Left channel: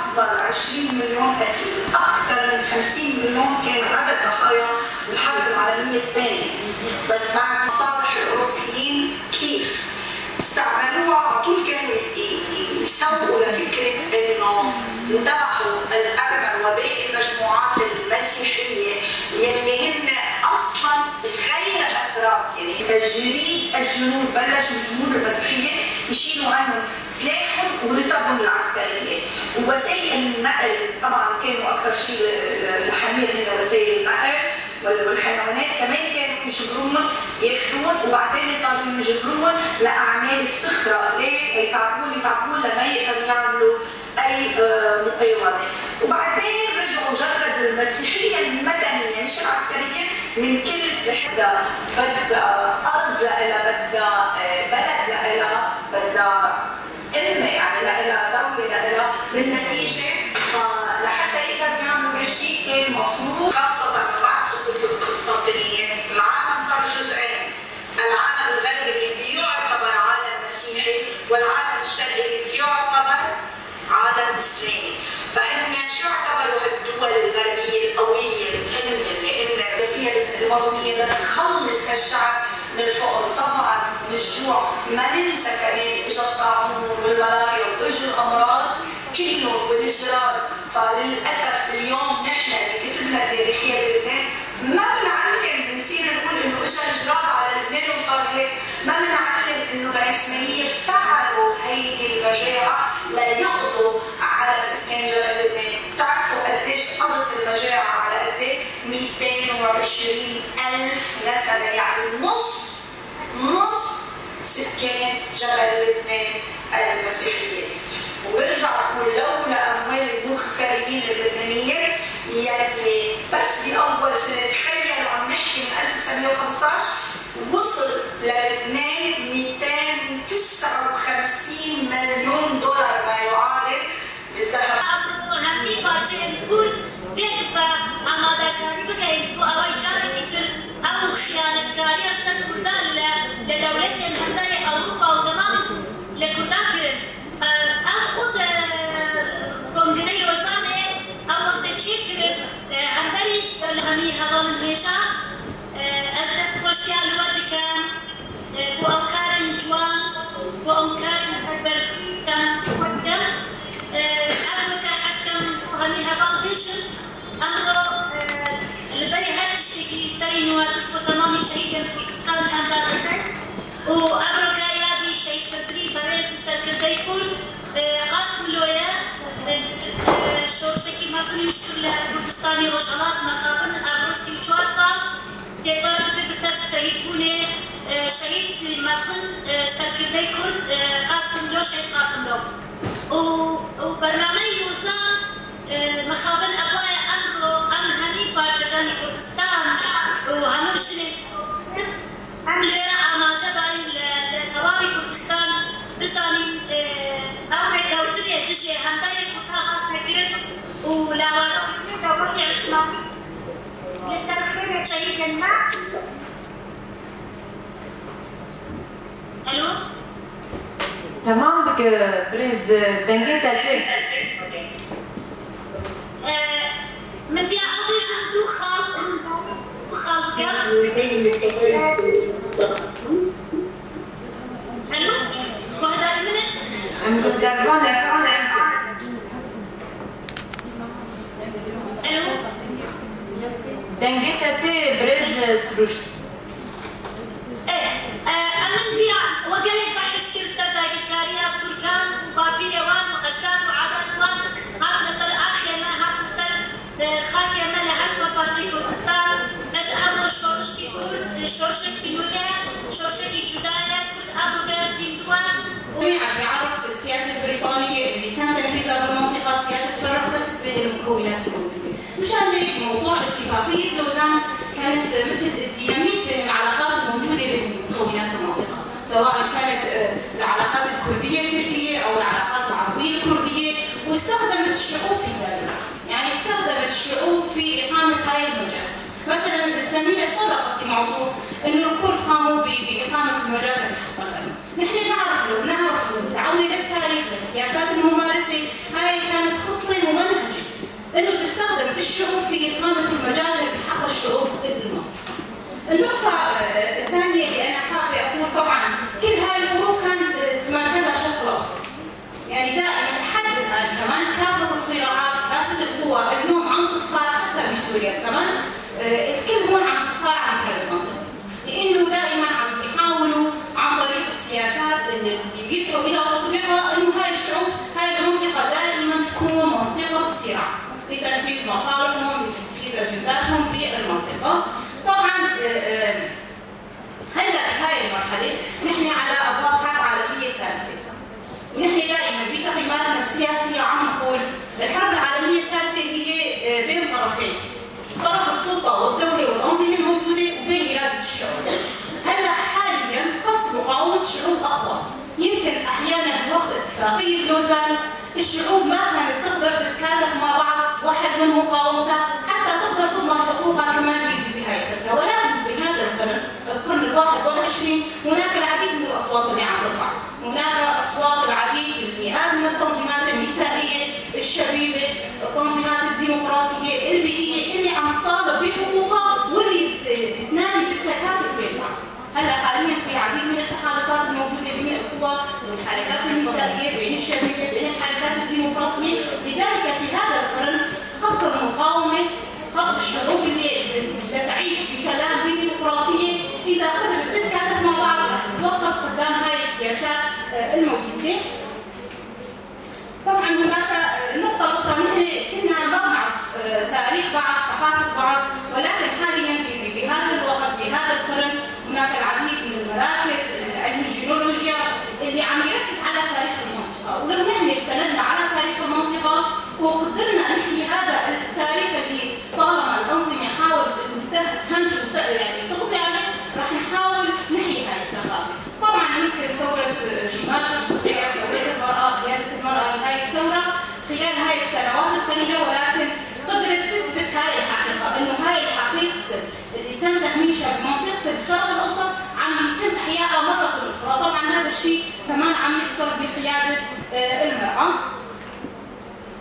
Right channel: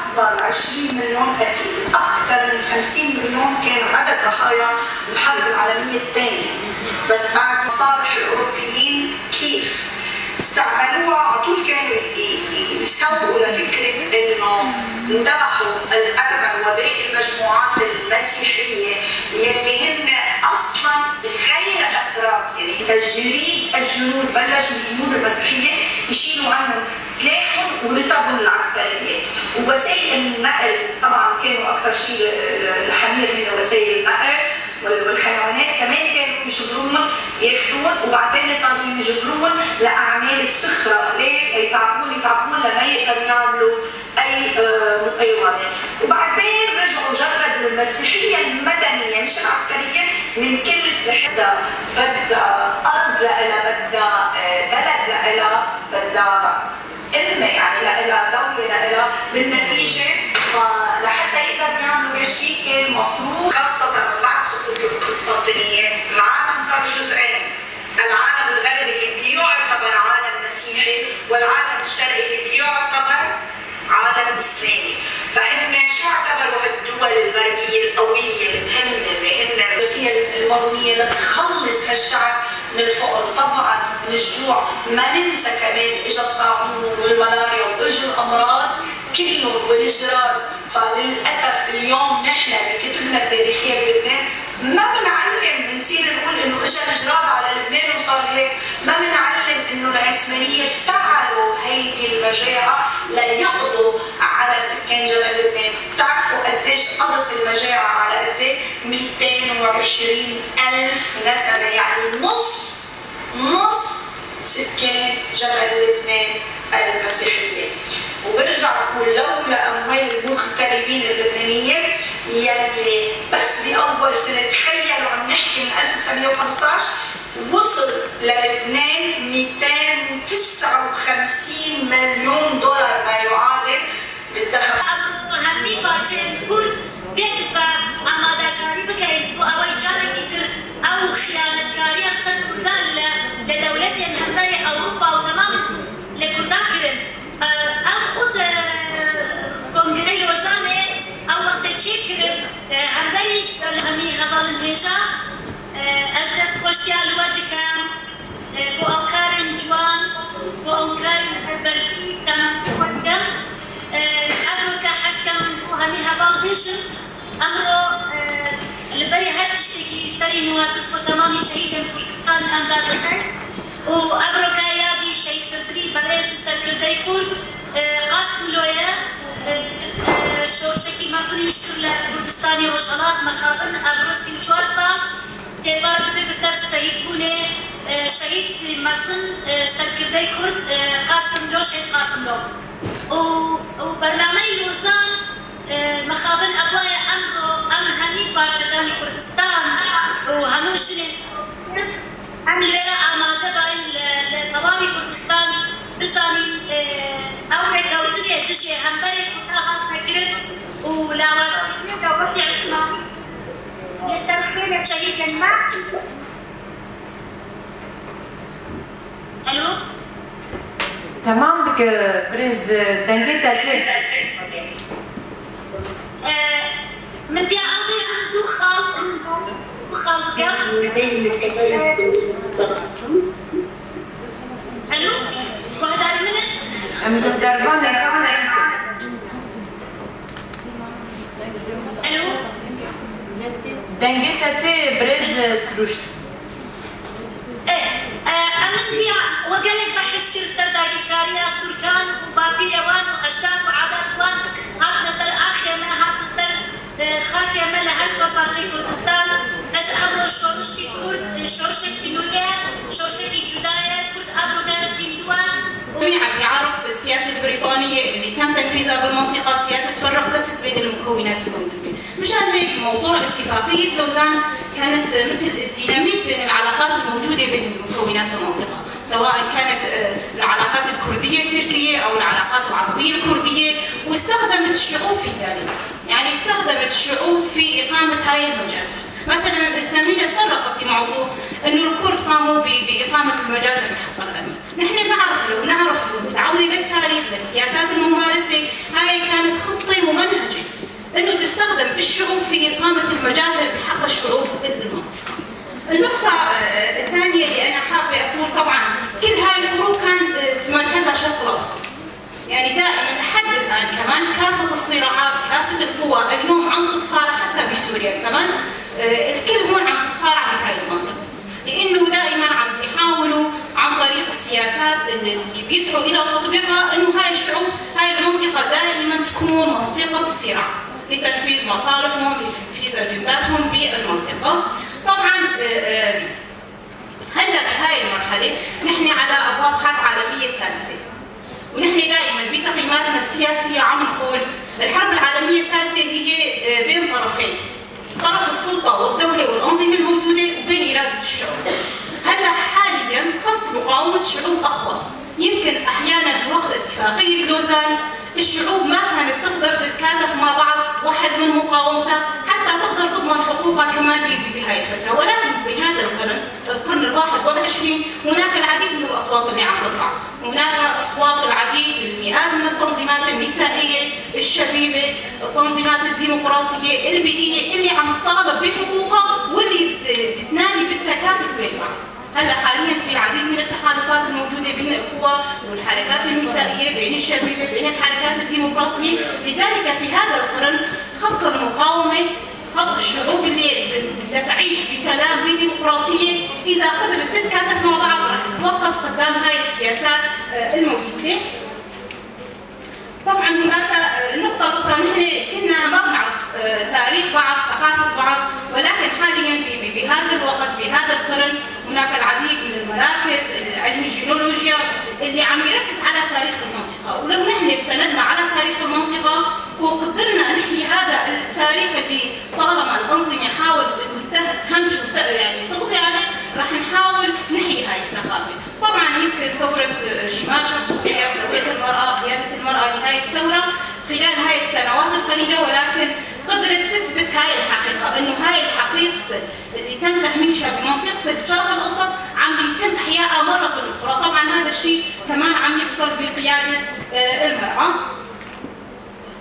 أفضل 20 مليون قتيل، أكثر من 50 مليون كان عدد ضحايا الحرب العالمية الثانية. بس بعد مصالح الأوروبيين كيف استعملوها على طول كانوا يسوقوا لفكرة إنه انذبحوا الأرمن وباقي المجموعات المسيحية يلي هن أصلا غير أتراك، يعني تجريد الجنود بلش الجنود المسيحية يشيلوا عنهم سلاحهم ورتبهم العسكرية ووسائل النقل. طبعا كانوا أكثر شيء الحمير هن وسائل النقل والحيوانات كمان كانوا يجبروهم ياخذون وبعدين صاروا يجبروهم لاعمال السخره، ليه؟ يتعبون لما يقدروا يعملوا اي مقاومه، وبعدين رجعوا جردوا المسيحيه المدنيه مش العسكريه من كل سلاحها، بدها ارض لها، بدها بلد لها، بدها امه يعني لها، دوله لها. بالنتيجه فلحتى يقدروا يعملوا هالشيء كان مفروض خاصه بعد سقوط القسطنطينيه العالم صار جزئين، العالم الغربي اللي بيعتبر عالم مسيحي والعالم الشرقي اللي بيعتبر عالم اسلامي. فهن شو اعتبروا هالدول الغربيه القويه اللي هن هي المرونيه لتخلص هالشعب من الفقر وطبعا من الجوع. ما ننسى كمان اجى الطاعون والملاريا واجوا الامراض كلهم والجرار. فللاسف اليوم نحن بكتبنا التاريخيه بلبنان ما بنعلم، بنصير نقول انه اجى الجراد على لبنان وصار هيك، ما بنعلم انه العثمانيه افتعلوا هيدي المجاعه ليقضوا على سكان جبل لبنان. بتعرفوا قديش قضت المجاعه على قد ايه؟ 220,000 نسمه، يعني نص سكان جبل لبنان المسيحيه. وبرجع بقول لولا اموال المغتربين اللبنانيين يلي بس باول سنه تخيلوا عم نحكي من 1915 وصل للبنان 259 مليون دولار ما يعادل بالذهب. هەمووی پارچەیەک کورد پێت بە ئامادەکاری بکەین بۆ ئەوەی جارێکی تر ئەو خیانەتکاریە سەر کوردان لە دەوڵەتێن هەمبەری ئەوروپا و تەمامن لە کوردان کردن. ئەو خود کۆنگرەی لۆزانێ ئەو وەختە چی کرد هەمبەری هەمی هەواڵن هێژا ئەس دەستخۆشیان لەوە دکەم بۆ ئەو کارن جوان بۆ ئەو کارن بەرزکەم ئەمڕۆکە حەزکەم هەمی هەواڵ بێژم ئەمڕۆ لەبەری هەر تشتێکی سەری نوازش بۆ تەمامی شەهیدن خۆیکستان ئەمدا دەکەین و ئەمڕۆکە یادی شەهیدکردنی بەڕێز و سەرکردەی کورد قاسم لۆیە شۆرشێکی مەزنی مشکل لە کوردستانی ڕۆژهەڵات مەخابن ئەمڕۆ 34 ساڵ تێبارکردن بەسەر شەهیدبوونێ شەهید مەزن سەرکردەی کورد قاسم لۆ شەهید قاسم لۆ و بەرنامەی لۆزان مەخابن ئەوایە ئەمڕۆ ئەم هەمی پارچەکانی کوردستان و هەموو شنێک ئەم لێرە ئامادە باین لە تەواوی کوردستان بزانین ئەو ڕێکەوتنێ دژێ هەمبەرێک کورداغاکرێت و لاوازکردنی دەوڵەتی عوسمانی لەسەرخێنە شەهیدن ما. الو تمام بك برز دنجتها جد من فيها أول شيء دو خالقة الو وهذا منن مقدرفانة الو دنجتها تي برز سروشت أمن فيها وقالك بحس كيف سرداقي كاريا تركان وبابيوان وأجداد وعادات وان هات نسل آخيا ما هات نسل خاكيا ما لهات وبارجي كردستان بس أمرو شورشي كرد شورشي نوية شورشي جداية كرد أمرو دارستين دوان. جميعا يعرف السياسة البريطانية اللي تم تنفيذها بالمنطقة سياسة تفرق بس بين المكونات الموجودة. مشان هيك موضوع اتفاقية لوزان كانت مثل الديناميت بين العلاقات الموجودة بين مكونات المنطقة، سواء كانت العلاقات الكردية التركية أو العلاقات العربية الكردية، واستخدمت الشعوب في ذلك، يعني استخدمت الشعوب في إقامة هاي المجازر. مثلا الزميلة تطرقت لموضوع أنه الكرد قاموا بإقامة المجازر بحق الأمن. نحن نعرف العودة بالتاريخ للسياسات الممارسة هاي كانت خطة ممنهجة انه تستخدم الشعوب في إقامة المجازر بحق الشعوب بالمنطقة. النقطة الثانية اللي أنا حابة أقول طبعا كل هاي الحروب كانت مركزها الشرق الأوسط. يعني دائما لحد الآن كمان كافة الصراعات كافة القوى اليوم عم تتصارع حتى بسوريا كمان الكل هون عم تتصارع بهاي المنطقة. لأنه دائما عم بيحاولوا عن طريق السياسات اللي بيسعوا إلى تطبيقها إنه هاي الشعوب هاي المنطقة دائما تكون منطقة صراع لتنفيذ مصالحهم لتنفيذ أجنداتهم بالمنطقة. طبعا هلا بهاي المرحلة نحن على أبواب حرب عالمية ثالثة، ونحن دائما بتقييماتنا السياسية عم نقول الحرب العالمية الثالثة هي بين طرفين، طرف السلطة والدولة والأنظمة الموجودة وبين إرادة الشعوب. هلا حاليا خط مقاومة الشعوب أقوى، يمكن أحيانا بوقت اتفاقية لوزان الشعوب ما كانت تقدر تتكاتف مع بعض واحد من مقاومتها حتى تقدر تضمن حقوقها كمان بهاي الفترة، ولكن بهذا القرن ال21 هناك العديد من الأصوات اللي عم تطلع، هناك أصوات العديد بالمئات من التنظيمات النسائية الشبيبة، التنظيمات الديمقراطية البيئية اللي عم تطالب بحقوقها واللي بتنادي بالتكاتف بين بعض. هلا حاليا في العديد من التحالفات الموجوده بين القوى والحركات النسائيه بين الشبيبه بين الحركات الديمقراطيه، لذلك في هذا القرن خط المقاومه خط الشعوب اللي بدها تعيش بسلام بديمقراطيه اذا قدرت تتكاتف مع بعض رح توقف قدام هاي السياسات الموجوده. طبعا هناك نقطه اخرى، نحن كنا ما بنعرف تاريخ بعض ثقافه بعض، ولكن حاليا بهذا الوقت في هذا القرن هناك العديد من المراكز علم الجيولوجيا اللي عم يركز على تاريخ المنطقه، ولو نحن استندنا على تاريخ المنطقه وقدرنا نحيي هذا التاريخ اللي طالما الانظمه حاولت تهمش يعني تقضي عليه رح نحاول نحيي هاي الثقافه. طبعا يمكن ثوره شمال شرق سوريا، ثوره المراه، قياده المراه لهي الثوره خلال هاي السنوات القليله، ولكن قدرت تثبت هاي الحقيقه انه هاي الحقيقه اللي تم تهميشها بمنطقه الشرق الاوسط عم يتم احيائها مره اخرى. طبعا هذا الشيء كمان عم يحصل بقياده المراه.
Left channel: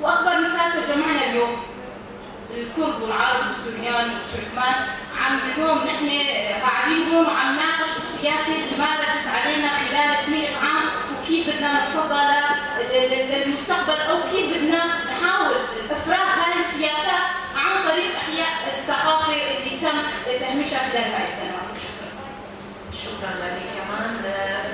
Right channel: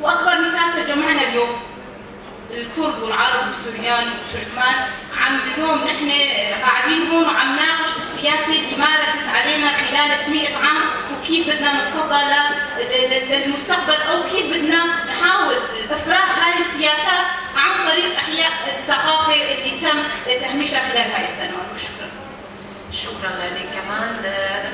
واكبر مثال تجمعنا اليوم الكرد والعرب والسوريان والتركمان، عم اليوم نحن قاعدين هون وعم نناقش السياسه اللي مارست علينا خلال 100 عام وكيف بدنا نتصدى للمستقبل او كيف بدنا نحاول افراغ هذه السياسات عن طريق احياء الثقافه اللي تم تهميشها خلال هاي السنوات. شكرا لك كمان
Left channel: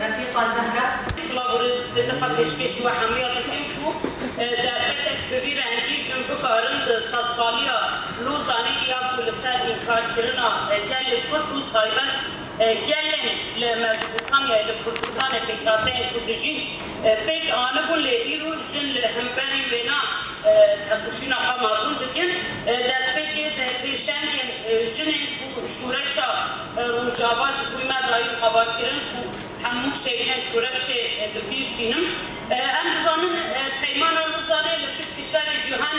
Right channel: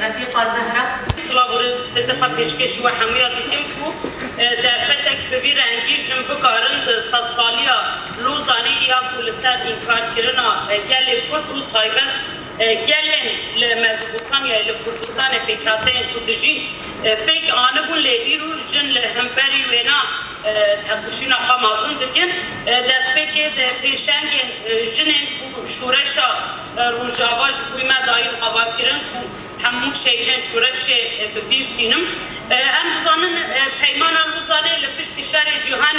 رفيقه زهره. سلاور إذا پیشکش و حمایت کمکو در فتک ببیر انگیزم بکارند سالیا لوزانی یا پولسر انکار کردن گل کرد و تایبن گلن لمزبوطانیا لکردستان پیکاتین کردجی پیک آنبون لیرو جن لهمبری ونا تبشینا خامازن دکن دست پیک پیشنگن جنن شورشا روجاواج بویما دایل آباد کردن همون شیء شورش ببیش دینم. امروزان پیمان روزانه لپشت شهر جهان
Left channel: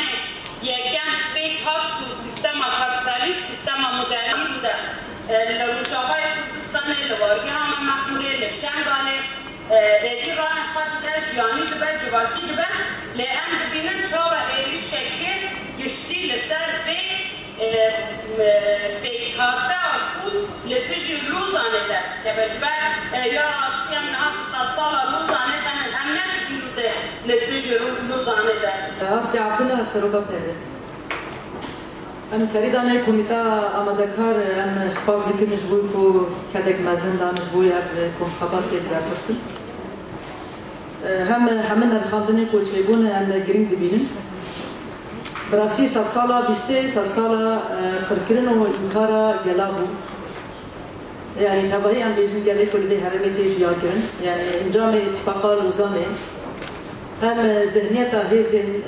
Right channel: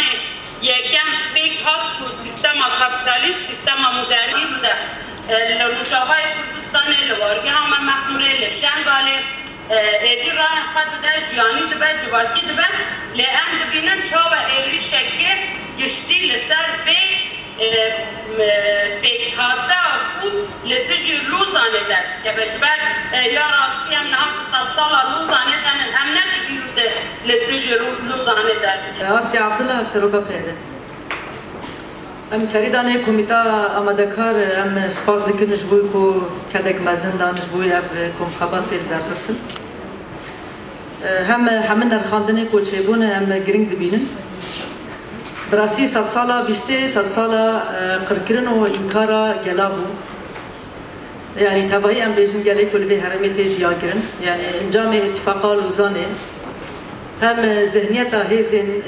یکم بیک هات و سیستم کاپیتالیست سیستم مدرنی بوده. لروجاهای کردستان لوارگی هم مخموره لشنگاله ایدی راه خود ده جیانی دبه جواتی دبه لام دبینن چاو ایری شکه گشتی لسر بیک هاتا خود لتجی روزانه ده که بجبر یا راستی هم نهات سال روزانه ده من هم نکیلو ده لتجی روزانه ده. آسی عبدالله سروکا پیده. ام سریدانه کمیتا آماده کار ام سپاس دکنش بوی کو کدک مزن دانش بوی اب کم خبرت در رسل. همه نرخاندنه کو چیبونه ام گرینگ دبینن. براستی 100 سالا بیسته 100 سالا قرکرن و انکارا گلابو. يعني تبعي ام بيجن جالي كل به هرمي تيجي ياكرن يعني انجام اتفاقا لوزانه هم ذهنيتها هيزن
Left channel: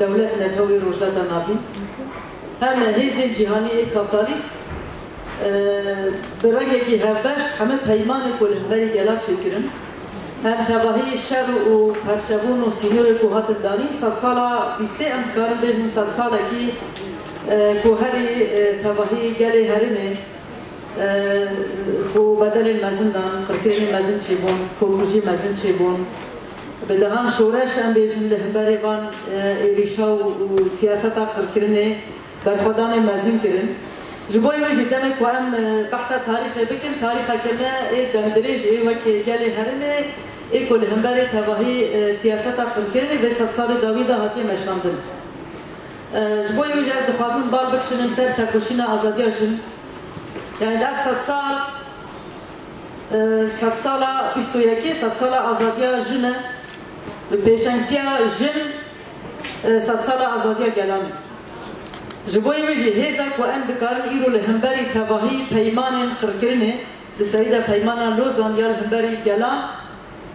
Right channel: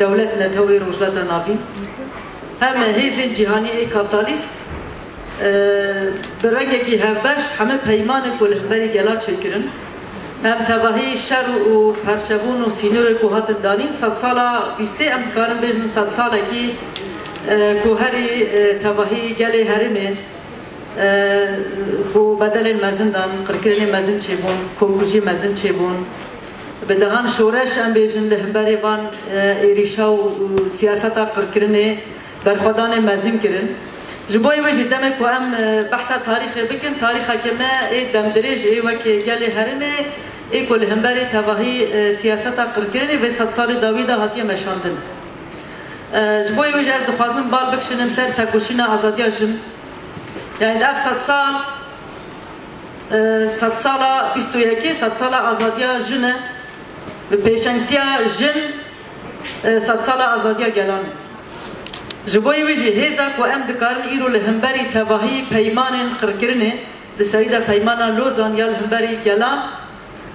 دولتنا توي روجلتنا نافي هم هيزن جهاني كابيتاليست برنگي هبش همه پیمان كل همبري جلات شكرن هم تبعي شر و پرچبون و سينور کوهات دانين 100 سالا بيسته ام كارن بيجن 100 سالا كي کوهري تبعي جالي هرمي بو بدل المزن دان قركرني مزن چيبون كوكوجي مزن چيبون بدهان شورش ام بيجن لهمبري بان إيريشا و سياستا قركرني برخدان مزن كرن جبوي وجه دمك وام بحث تاريخ بكن تاريخ كما دمدرج وكي جالي هرمي كل همبري تواهي سياستا قركرني في 100 سال داويدا هاتي مشاندن جبوي وجه از دخوازن بال بكشنم سر تكوشينا آزاديا جن يعني ده 100 سال 100 سال 21 100 سال آزاديا جن بپیشنگتیا جن 100 سال آزادیا گلان جبوی وجه هزاک و ام دکارن ایرو لهمبری تواهی پیمان قرکرنه لسریده پیمان لوزان یا لهمبری گلان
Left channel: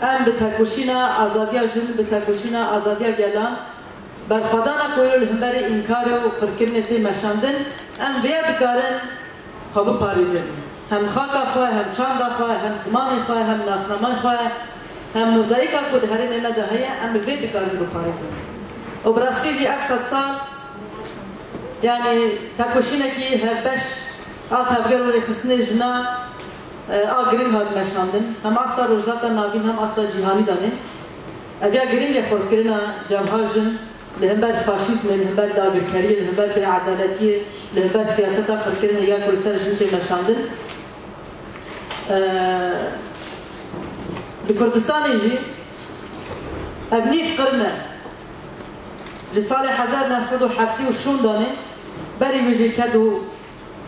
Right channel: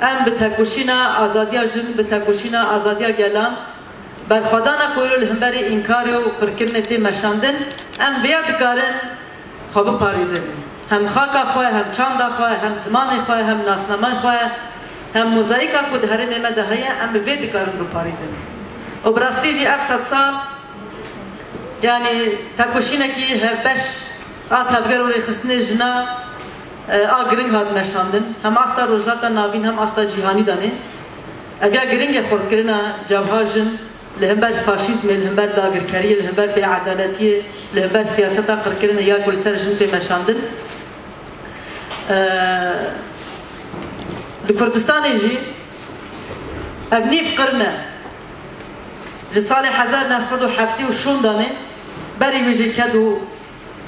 ام بتکوشینا آزادیا جن بتکوشینا آزادیا گلان برخدانا کویرو لهمبری انکاری و قرکرنه تی مشاندن ام ویا دکارن خواب پاریزه هم خاکا خواه هم چاندا خواه هم زمان خواه هم ناسنامه خواه هم موزاییکا بود هرم امده هیا ام وید کارن رو پاریزن و براستی جی 700 سال یعنی تاکوشینه کی هفبش آتابگر ولی خسنه جنا گرنگ هاد نشاندن هم آستا روجلاتا نابین هم آستا جیهانی دانه اویا گرنگ خورد کرنا جمعا جن لهمبر فاشیزم لهمبر داگرکاری لهمبر بیعدالتی لهمبر سیاستا قرد کرنا یا کل سر جن پی نشاندن لكردستان يجي ابني في قرنه جسال 1970 وشون دانه بري يجي كادو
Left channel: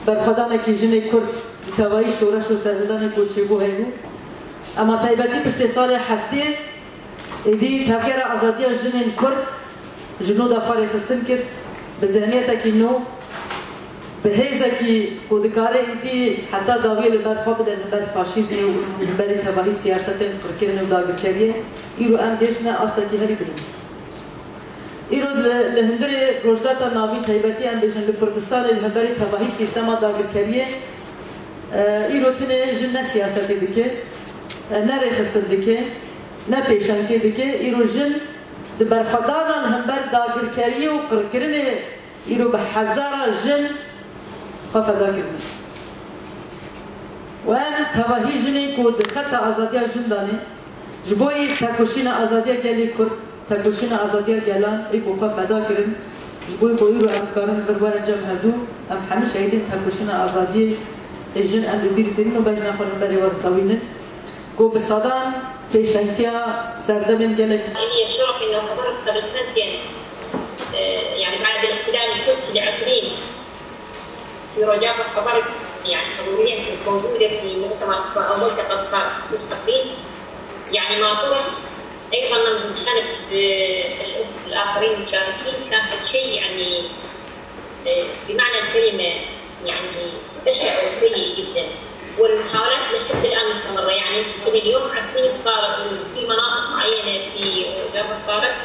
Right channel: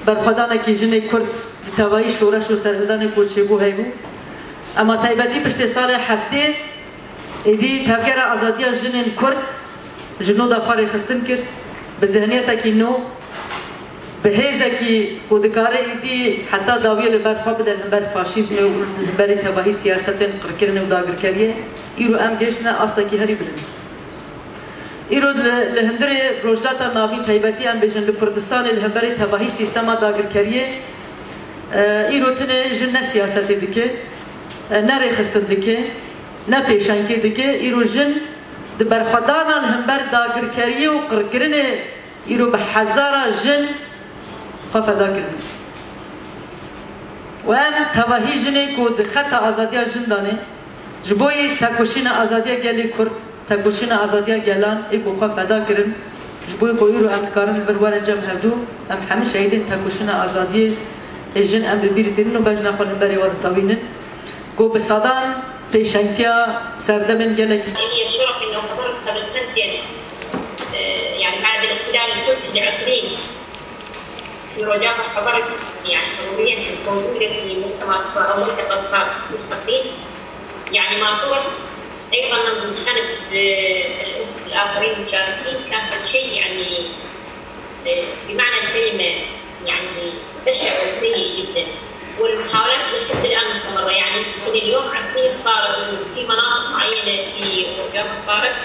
برخدانه كي جني كرد توایی شورش و سرهدان کوچیگو هیگو اما تایبتی پشت سال هفته ایدی تفکر آزادی جنین کرد جنو دفاری خستن کرد به ذهنیت کی نو به هیزه کی کودکاره ایدی حتی داوی لبرخوا بدن بر فاشیسم و بر تباهی سیاست قرکرن و داگرکریه ایرو ام گشنه اصلا کی هری بدن ایرو لهندری روجداتا ناوی تایبتی ام بجن لکردستان لهندری تباهی سیستم داگرکریه ایرو تنه جن سیاست دکه نه رخصت دکه نه پیشنگی دکه ایرو جن دبرخدانان هم بر داگرکریه و قرکرنه ایرو به هزار جن خفدا کردن و ام تواهی جنه کود خط آزادی جن دانه جبوی تکوشین آزادی گلی کرد تکوشین آزادی گلان ایکو خفدا کردن جبوی کو ایرو انتکارن بروان جم هدو ام همه شهیدین تکوشین آزادی جن ام ببیرتین و بجنا خلن بری ورطاوینن کو بصدان پیشنگتیا سردمن گلکی إني الشرف إنه حضرت قبل سنتين يعني بعد الاحتلال التركي لعفرين في رجاء حضرت يعني حضوريا كنت موجودة في مؤتمر أو ملتقى خصوص عفرين يعني ما طرح أيضا من جانب الآخرين المشاركين كان هالشيء يعني بمعنى الكلمة يعني بشع وسيء جدا والمحاولات لحد الآن مستمرة يعني يمكن اليوم عفرين صارت في مناطق معينة في رجاء صارت